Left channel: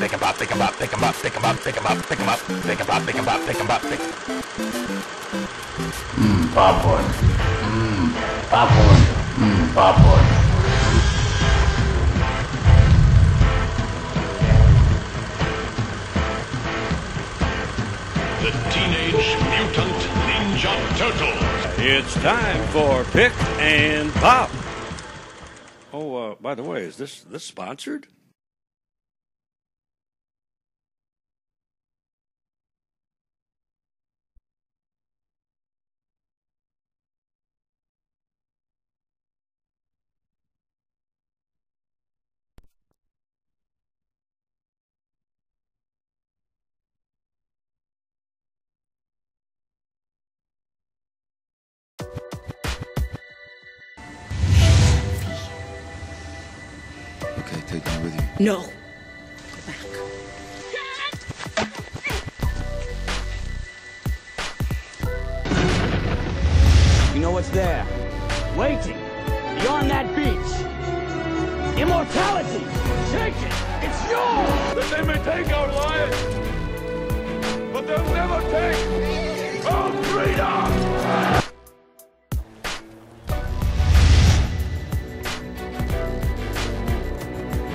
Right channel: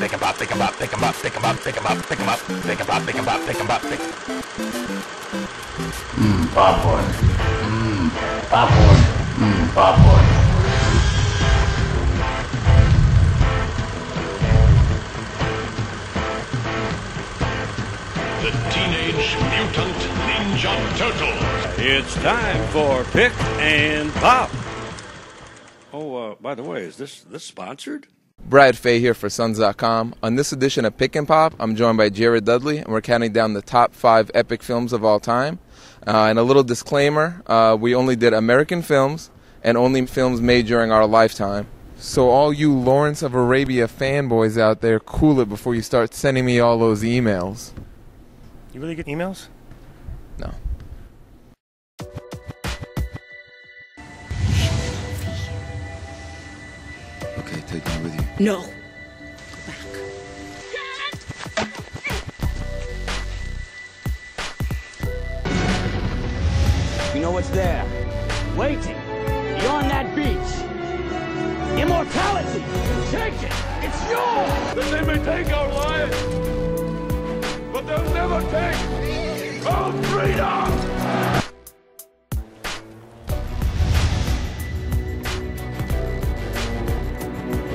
Pick 'em up, pick 'em up, pick 'em up, pick 'em up, pick 'em up, pick 'em up, pick 'em up, pick 'em up, pick 'em up, pick 'em up. Popcorn. Popcorn. Popcorn. The Teenage Mutant Ninja Turtles. It's time for Pick and Pop. Oh, by the way, is this sponsored? Brad Fay here for Suns.com. On this edition of Pick and Pop, I'm joined by Jared Dudley, and we're counting down the top 5 epic films of all time. And a little disclaimer, we only did American films and only films made during our lifetime. So all you Lawrence of Arabia fanboys out there, cool it before you start sending me all those emails. You really get emails? No. Okay, take me with you. No. Go back. You know what's there? Waiting. Beyond that beach. Immortality! Take it! It's yours! That they may take our lives, but they'll never take our freedom!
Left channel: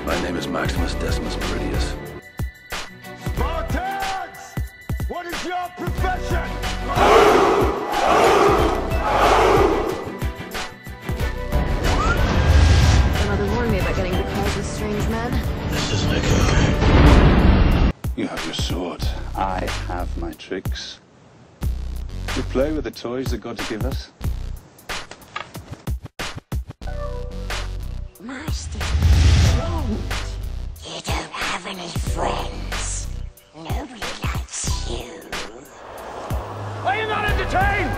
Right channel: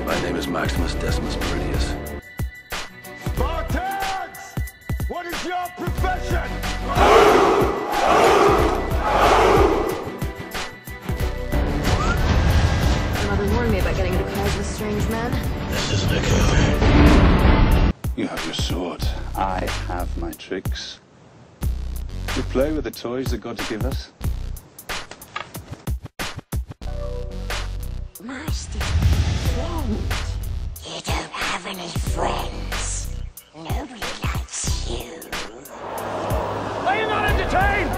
My name is Maximus Decimus Meridius. Spartans! What is your profession? My mother warned me about getting into calls with strange men. This isn't a code. You have your sword. I have my tricks. We play with the toys that God give us. Master, friend. You don't have any friends. Nobody likes you. Are you not entertained?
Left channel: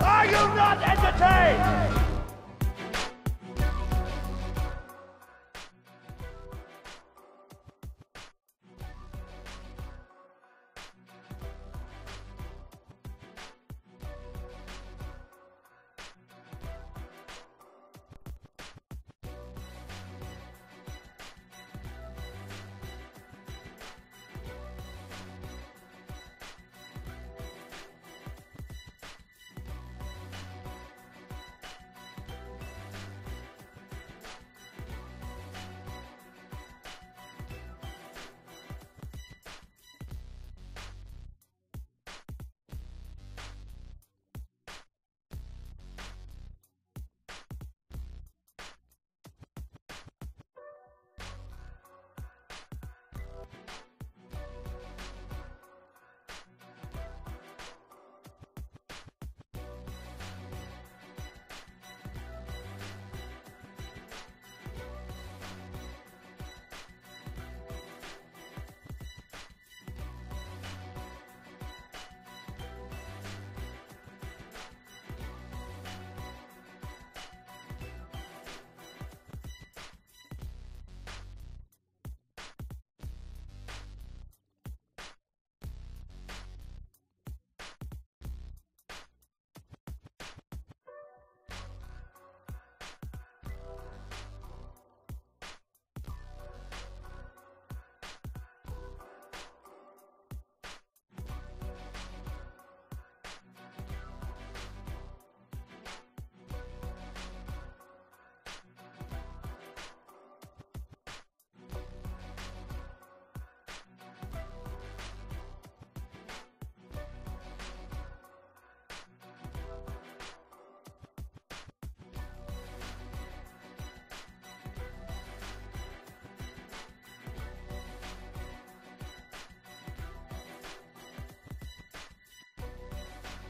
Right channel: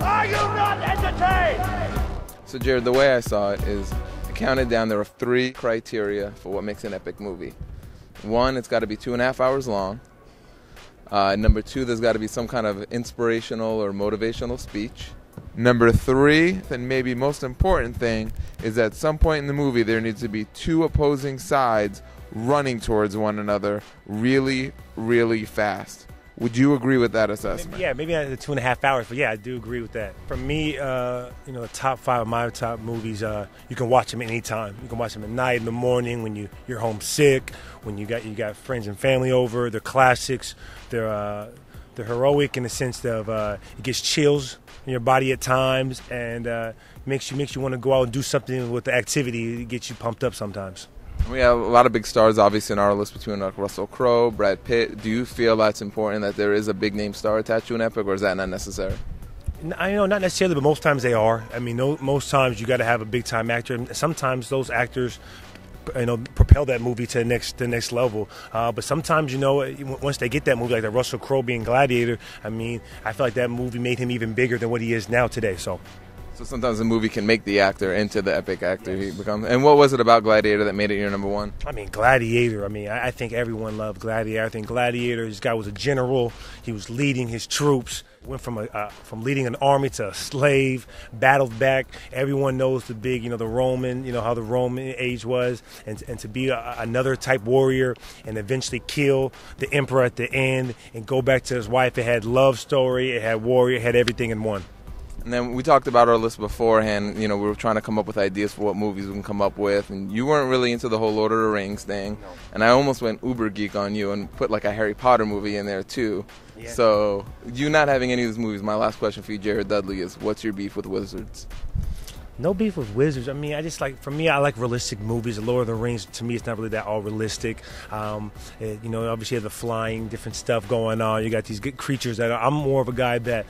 Are you not entertained? So Jared, the way I saw it is, counted down, there are 3 criteria for what makes an epic movie. 1, it's got to be 2.5 hours long. Number 2, there's got to be some kind of inspirational or motivational speech. Number 3, and maybe most important thing, is at some point in the movie there needs to be 2 opposing sides running towards one another really, really fast. Would you agree with that assessment? Yeah, maybe not the 2.5 hours, but yeah, I do agree with that. For me, the top 5 of my top movies, you can watch them anytime. You can watch them at night, in the morning, when you're homesick, when you got friends and family over. They're classics. They're heroic in the sense of it gets chills in your body at times, and makes you want to go out and do something with the activity. It gets you pumped up sometimes. We have a lot of big stars, obviously, in our list between Russell Crowe, Brad Pitt. Do you feel that's important, that there is a big-name star attached to an epic, or is that not necessary? I know, not necessarily, but most times they are. I mean, most times you got to have a big-time actor. And sometimes those actors, propel that movie to the next level. But sometimes, once they get that movie, like the Russell Crowe being Gladiator, I mean, I feel like that movie made him even bigger than what he is now today. So sometimes a movie can make the actor into the epic actor he becomes. And what was it about Gladiator that made it your number 1? I mean, Gladiator. I mean, I think everyone loved Gladiator. I think Gladiator, this guy was a general. He was leading his troops. Went from leading an army to a slave, battled back. Everyone knows the big, the Roman, how the Roman age was, and to be another type warrior and eventually kill the emperor at the end and go back to his wife. It had love story, it had warrior, it had everything in one. And then we talked about our list beforehand. We were trying to come up with ideas for what movies we can come up with. And you weren't really into the whole Lord of the Rings thing. No. And I almost went uber geek on you and put like a Harry Potter movie in there too. Yeah. So you not having any of these movies, my last question for you, Jared Dudley, is what's your beef with wizards? No beef with wizards. I mean, for me, I like realistic movies. The Lord of the Rings, to me, it's not really that all realistic. Obviously you have the flying, different stuff going on. You got these good creatures I'm more of a guy that,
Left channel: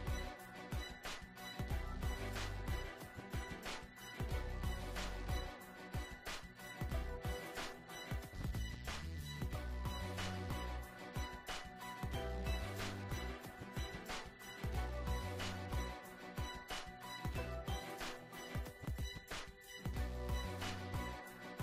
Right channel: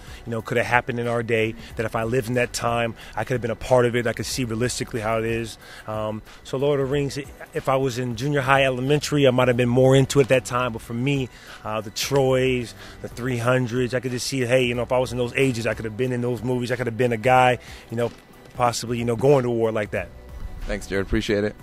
could have happened in our day, that if I lived in that time, I could have been a part of it. I could see realistically how it is. So Lord of the Rings, if I was in junior high, elementary, I might have been more into it at that time. But for me, the Troys, the 300s, I could just see, hey, if I was in those ages, I could have been in those movies. I could have been a guy, possibly, going to war like that. Thanks, Jared. Appreciate it.